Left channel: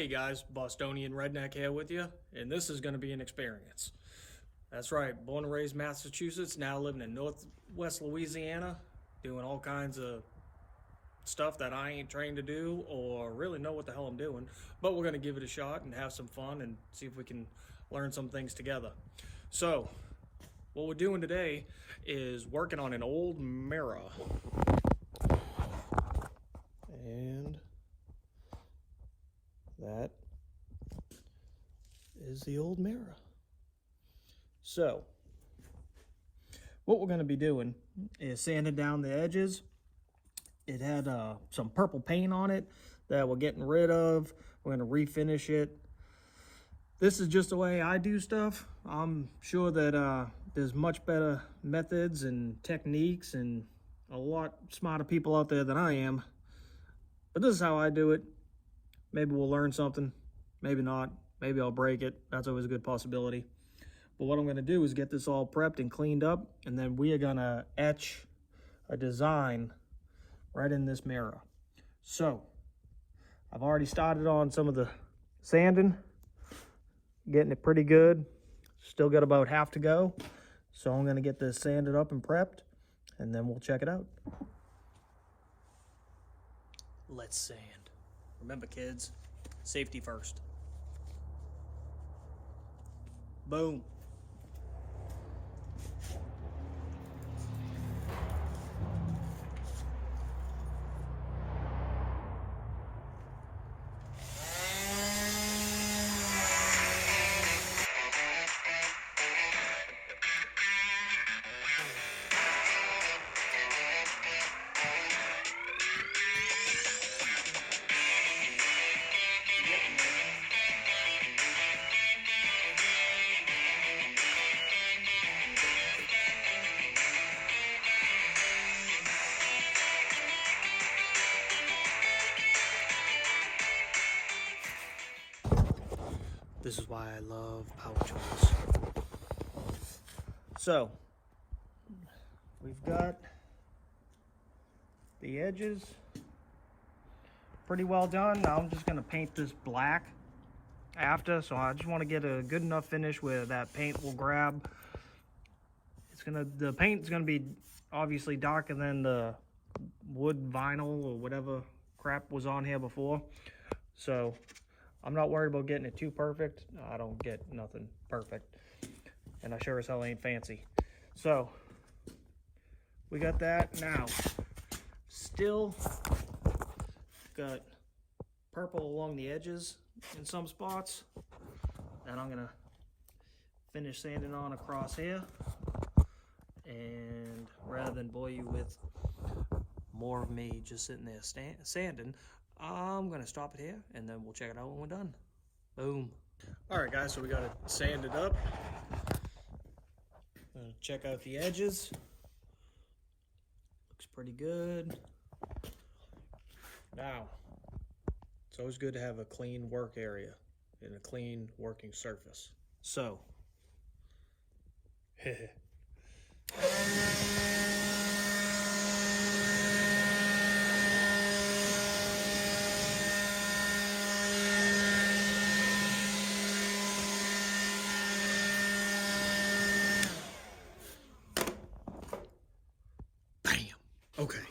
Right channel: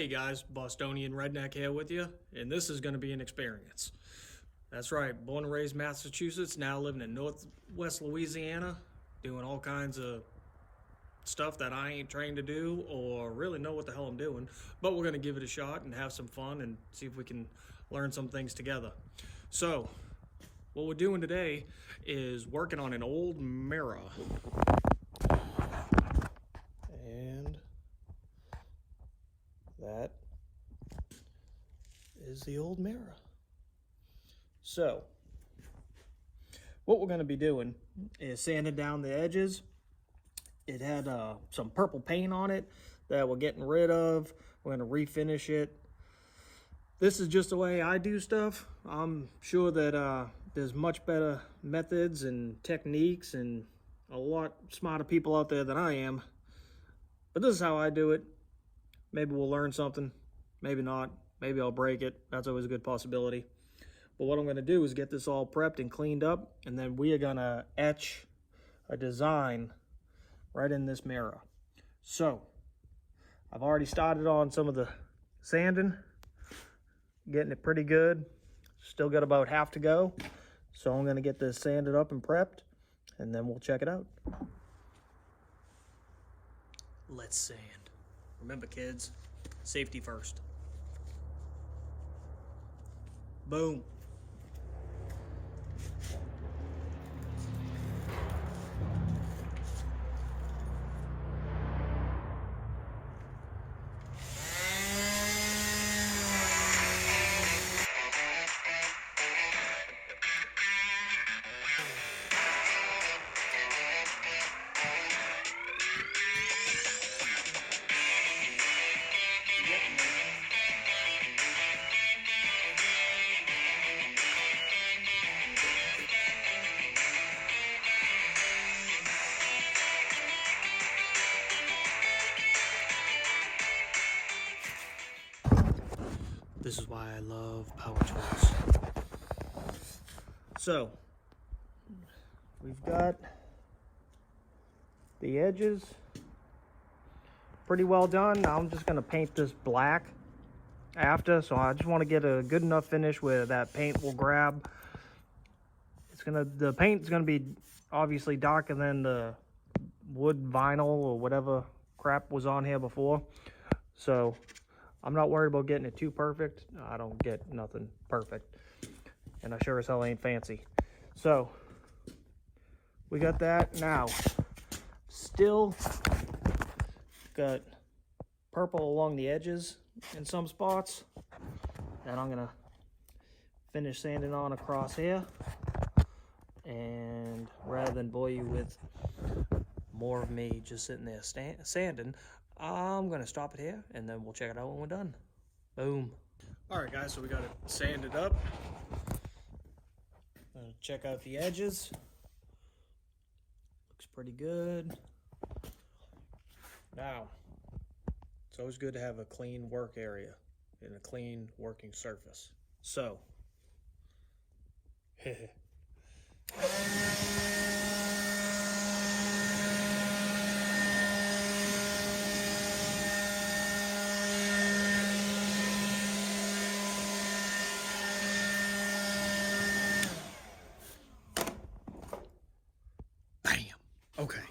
Hey guys, Bostonian Redneck here with you, and this is going to be an experience. That's right, born and raised Massachusetts, now living in Northwest Louisiana, doing all kinds of stuff that I ain't trained to do or really know what the hell I'm doing, but we're going to give it a shot and have some fun and see if we can learn some things together. So, what we're doing today is working on an old mirror. And that is the old mirror. So, what we're going to be doing is sanding down the edges. It had some purple paint on it that we're getting rid of. We're going to refinish it. This is just the way I do stuff. I'm sure that there's much better methods and techniques and a lot smarter people out there than I am. But this is how I do it. Maybe we'll learn something, maybe not. Maybe I'll break it. That's always a good possibility. But what I'm going to do is get this all prepped and cleaned up, and then we are going to etch a design right in this mirror. So, I've already started on some of the sanding, getting it pretty good. Still got about half to go. So I'm going to get this sanded up and prepped, and then we'll check it out. Let's sand. Remember, kids, safety first. Boom. This is why I love power tools. So, we've got the edges pretty well done. Now I'm just going to paint this black after, so I just want to get a good enough finish where that paint will grab. The paint's gonna be obviously darker than the wood vinyl or whatever crap was on here before. So I'm not worried about getting it too perfect. I don't get nothing perfect. And I sure as hell ain't fancy. So we got that. Now, still got purple along the edges in some spots that I'm gonna finish sanding on across here. And rather than bore you with more of me just sitting there sanding, I'm gonna stop it here and then we'll check it out when we're done. Boom. All right, guys, so we got it sanded up. Check out the edges. Looks pretty good. Now, it's always good to have a clean work area and a clean working surface. So, bam. Okay.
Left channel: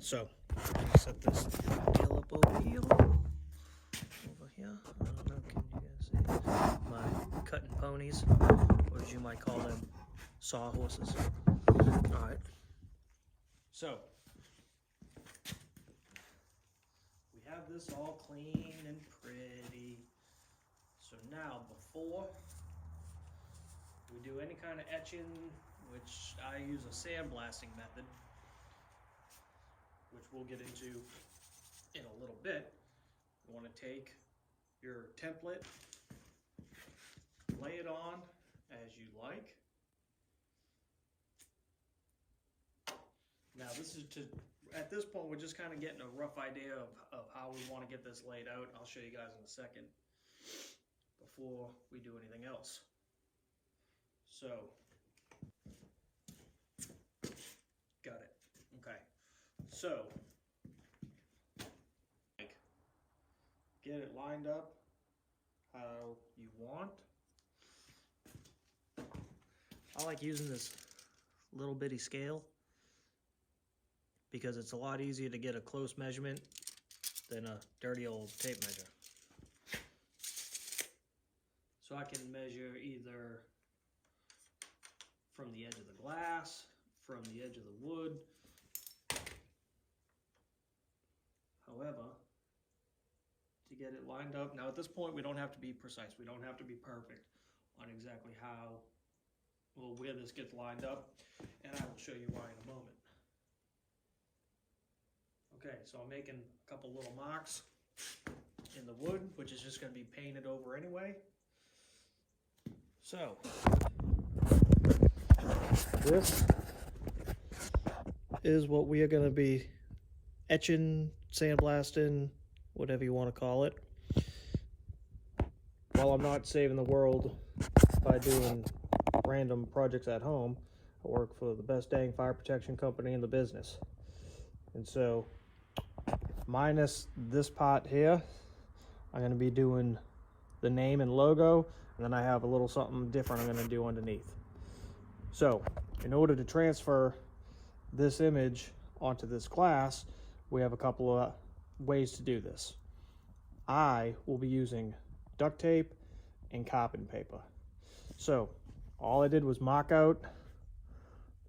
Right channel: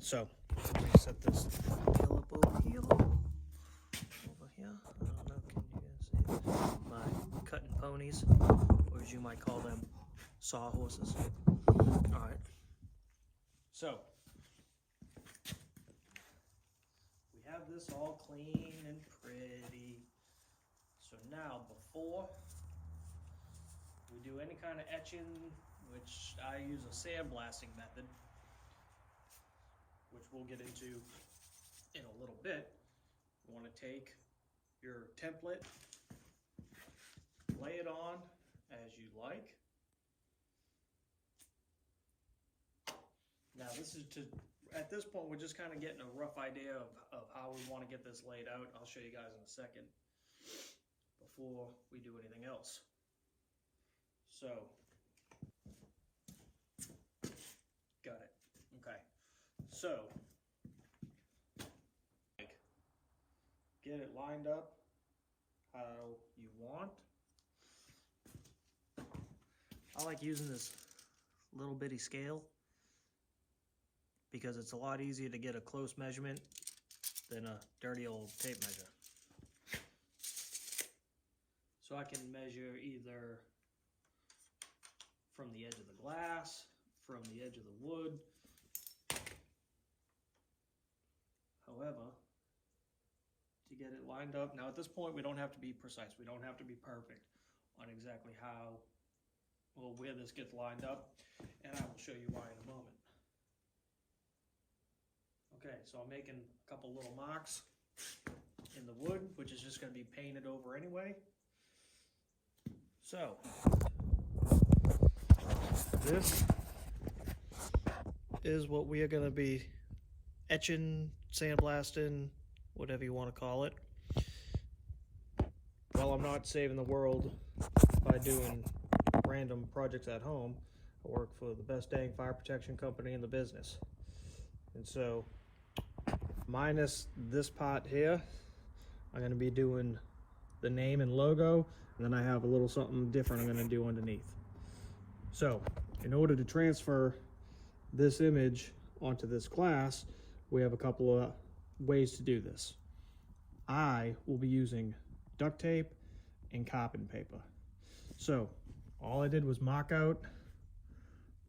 So, I'm gonna set this deal up over here. Over here. I don't know, can you guys see? My cutting ponies, or as you might call them, sawhorses. Alright. So, we have this all clean and pretty. So now, before we do any kind of etching, which I use a sandblasting method, which we'll get into in a little bit, you want to take your template, lay it on as you like. Now this is at this point, we're just kind of getting a rough idea of how we want to get this laid out. I'll show you guys in a second before we do anything else. So, got it. Okay. So, get it lined up how you want. I like using this little bitty scale because it's a lot easier to get a close measurement than a dirty old tape measure. So I can measure either from the edge of the glass, from the edge of the wood. However, to get it lined up, now at this point we don't have to be precise, we don't have to be perfect on exactly how, well, where this gets lined up, and I will show you why in a moment. Okay, so I'm making a couple little marks in the wood, which is just going to be painted over anyway. So, this is what we are going to be etching, sandblasting, whatever you want to call it. While I'm not saving the world by doing random projects at home, I work for the best dang fire protection company in the business. And so, minus this part here, I'm going to be doing the name and logo, and then I have a little something different I'm going to do underneath. So, in order to transfer this image onto this glass, we have a couple of ways to do this. I will be using duct tape and carbon paper. So, all I did was mark out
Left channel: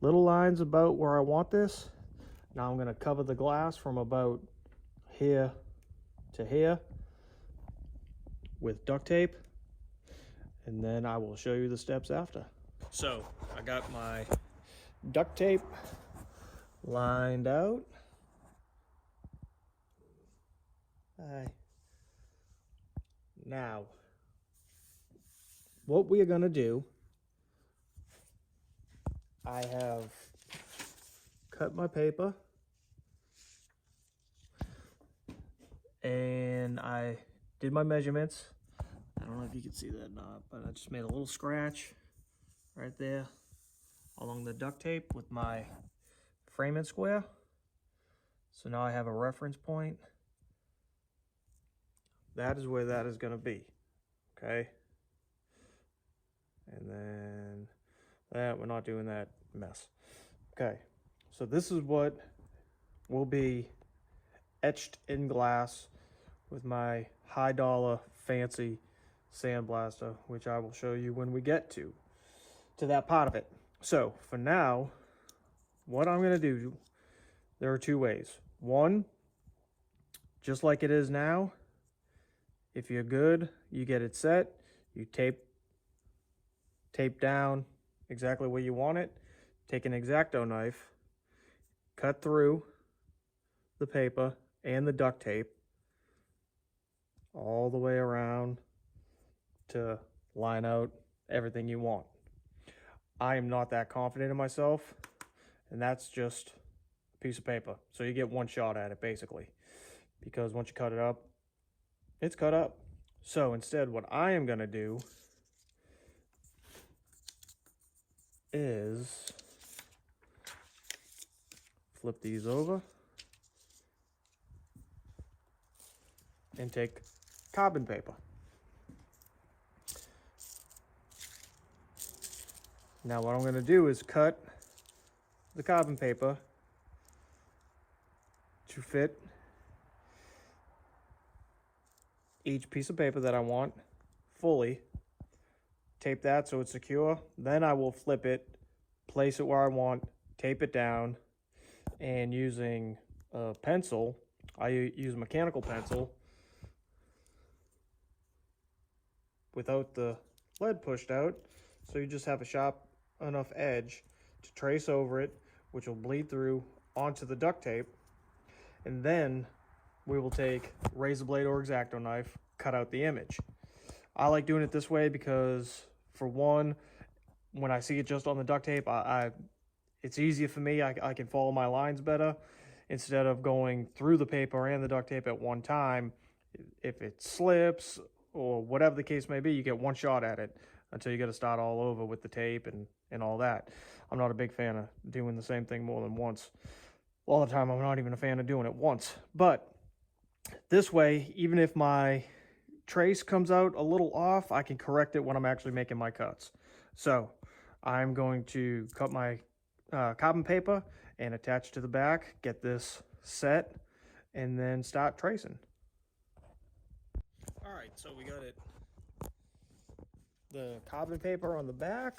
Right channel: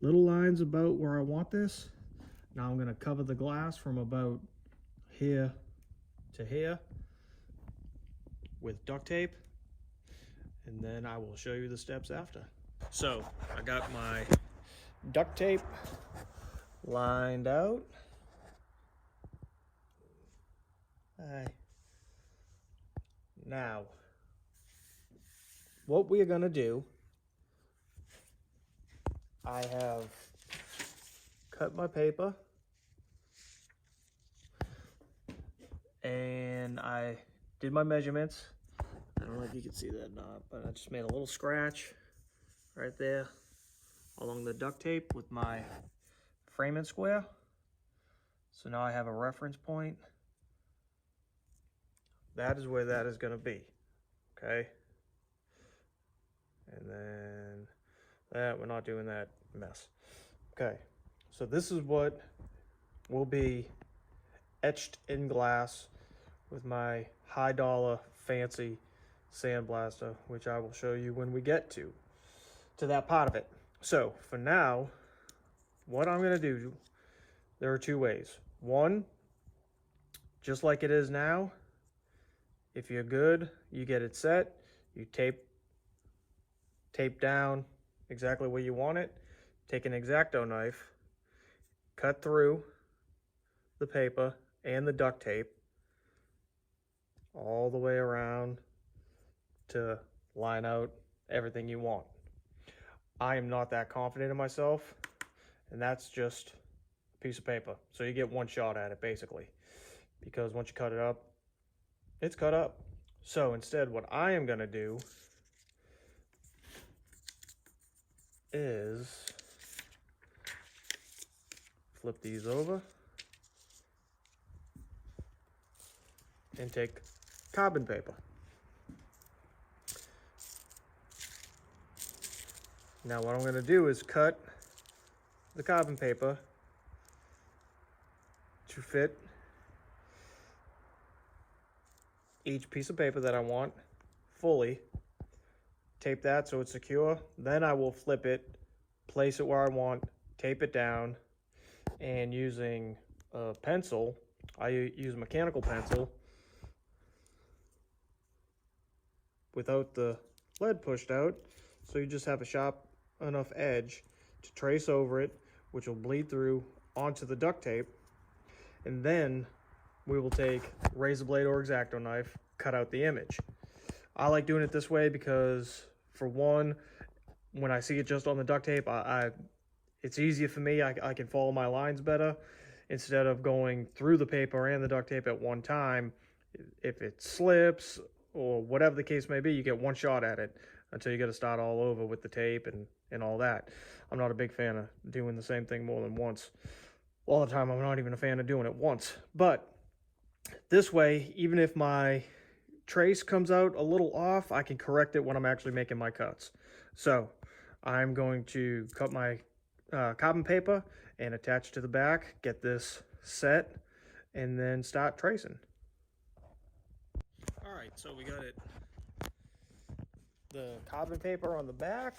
little lines about where I want this. Now I'm going to cover the glass from about here to here with duct tape, and then I will show you the steps after. So I got my duct tape lined out. Now, what we are going to do, I have cut my paper and I did my measurements. I don't know if you can see that or not, but I just made a little scratch right there along the duct tape with my framing square. So now I have a reference point. That is where that is going to be, okay? And then that, we're not doing that mess. Okay, so this is what will be etched in glass with my high dollar fancy sandblaster, which I will show you when we get to that part of it. So for now, what I'm going to do, there are two ways. One, just like it is now, if you're good, you get it set, you tape down exactly where you want it, take an X-Acto knife, cut through the paper and the duct tape all the way around to line out everything you want. I am not that confident in myself, and that's just a piece of paper. So you get one shot at it basically, because once you cut it up, it's cut up. So instead, what I am gonna do is flip these over and take carbon paper. Now what I'm going to do is cut the carbon paper to fit each piece of paper that I want fully. Tape that so it's secure. Then I will flip it, place it where I want, tape it down, and using a pencil, I use a mechanical pencil without the lead pushed out, so you just have a sharp enough edge to trace over it, which will bleed through onto the duct tape, and then we will take razor blade or X-Acto knife, cut out the image. I like doing it this way because, for one, when I see it just on the duct tape, it's easier for me. I can follow my lines better instead of going through the paper and the duct tape at one time. If it slips or whatever the case may be, you get one shot at it until you got to start all over with the tape and all that. I'm not a big fan of doing the same thing more than once. A lot of the time, I'm not even a fan of doing it once. But This way, even if my trace comes out a little off, I can correct it when I'm actually making my cuts. So I'm going to cut my carbon paper and attach to the back, get this set, and then start tracing. All right, so we got the carbon paper on the back.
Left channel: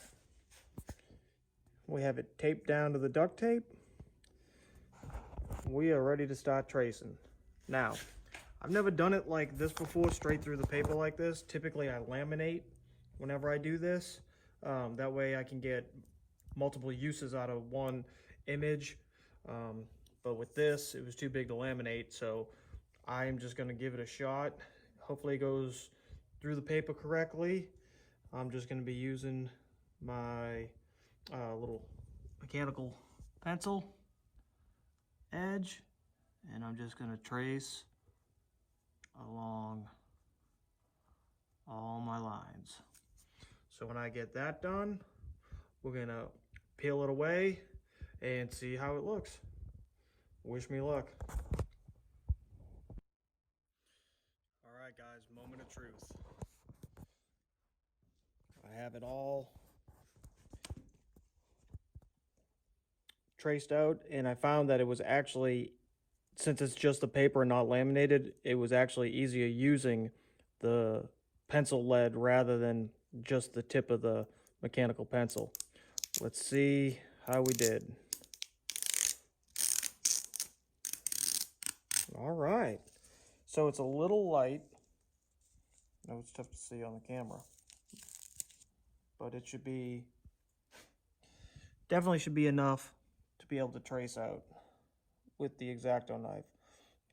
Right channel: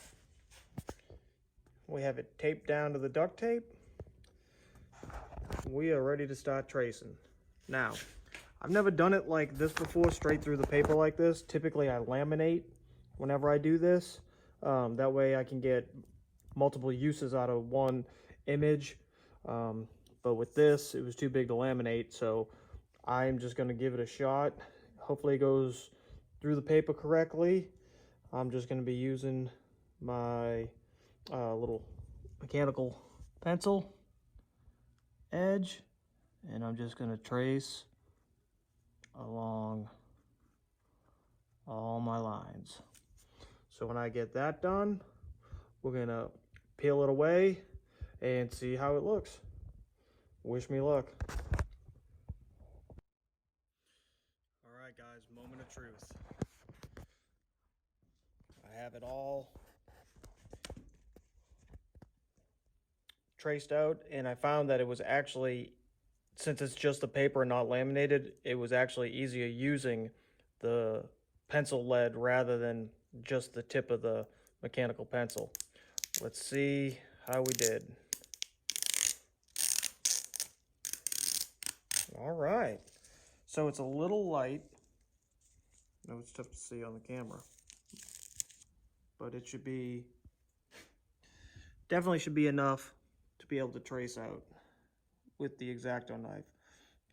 We have it taped down to the duct tape. We are ready to start tracing. Now, I've never done it like this before, straight through the paper like this. Typically I laminate whenever I do this. That way I can get multiple uses out of one image. But with this, it was too big to laminate, so I'm just gonna give it a shot. Hopefully it goes through the paper correctly. I'm just gonna be using my little mechanical pencil edge, and I'm just gonna trace along all my lines. So when I get that done, we're gonna peel it away and see how it looks. Wish me luck. All right, guys, moment of truth. I have it all traced out, and I found that it was actually, since it's just the paper and not laminated, it was actually easier using the pencil lead rather than just the tip of the mechanical pencil. Let's see how we did. All right, so it's a little light. I know it's tough to see on the camera, but it should be, definitely should be enough to be able to trace out with the X-Acto knife.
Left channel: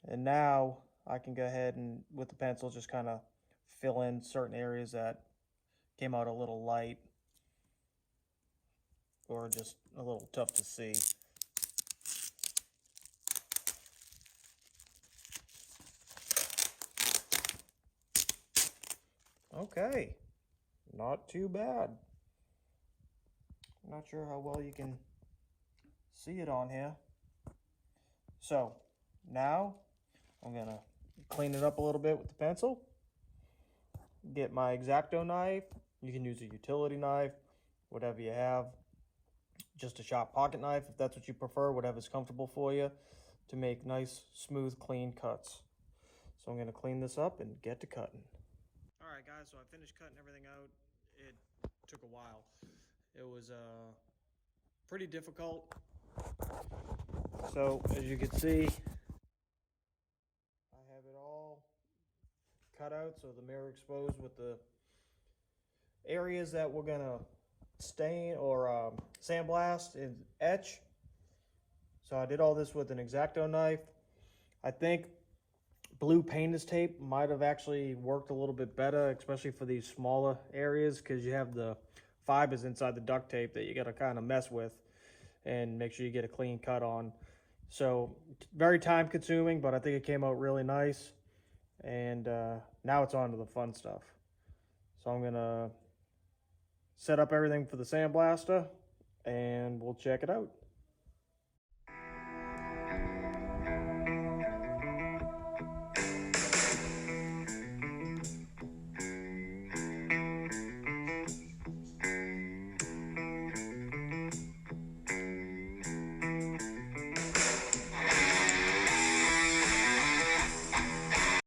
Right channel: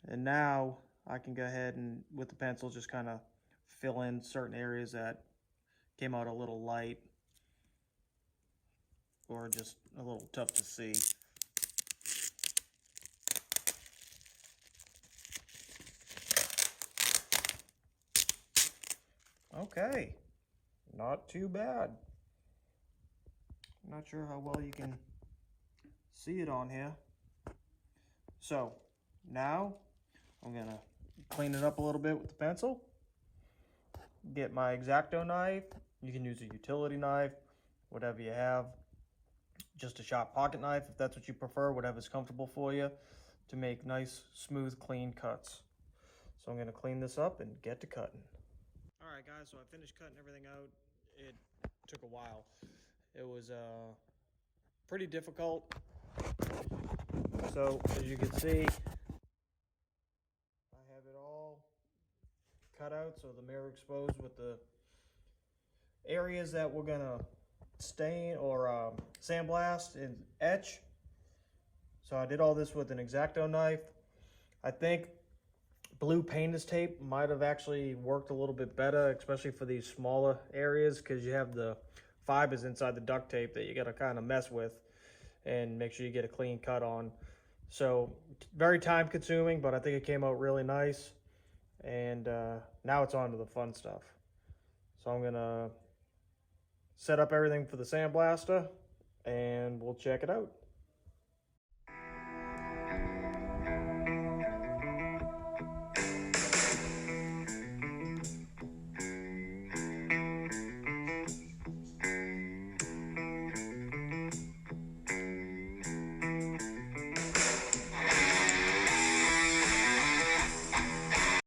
And now I can go ahead and with the pencil just kind of fill in certain areas that came out a little light or just a little tough to see. Okay, not too bad. Not sure how well you can see it on here. So now I'm gonna clean it up a little bit with the pencil. Get my X-Acto knife. You can use a utility knife, whatever you have. Just a sharp pocket knife if that's what you prefer, whatever's comfortable for you, to make nice, smooth, clean cuts. So I'm gonna clean this up and get to cutting. All right, guys, so I finished cutting everything out. It took a while. It was pretty difficult. So as you can see, I have it all cut out, so the mirror exposed with the areas that we're gonna stain or sandblast and etch. So I did all this with an X-Acto knife. I think blue painter's tape might have actually worked a little bit better, especially for these smaller areas, because you have the fibers inside the duct tape that you got to kind of mess with and make sure you get a clean cut on. So very time consuming, but I think it came out really nice. And now it's on to the fun stuff. So I'm gonna set up everything for the sandblaster and we'll check it out.